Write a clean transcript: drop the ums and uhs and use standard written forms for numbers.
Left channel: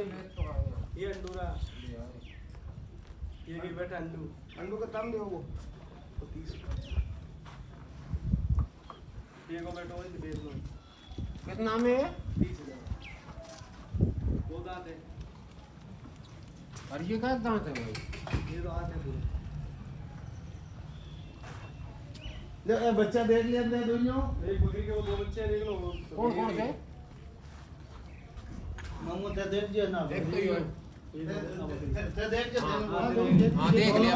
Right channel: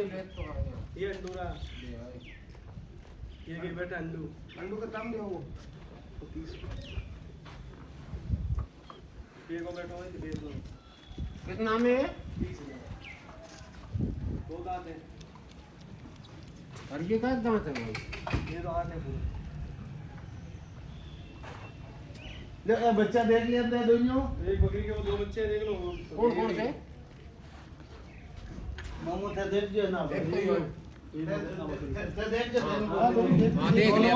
ये ले तो आया ये अंडूरा ले आए ये भी बेटा अंडू अंडू का दाम क्या वो 30 ये को बेटा है दे दो कितना में 30,000 दो दांत है और ये का दांत है भाई ये तो हाथ है देखो बच्चा देख लिया दे दोनों एक बकरी के वो दो बच्चे हैं, देख लो कौन कौन से मामू थे देख लिया ना एक तो ये देख लिया हाँ देख लिया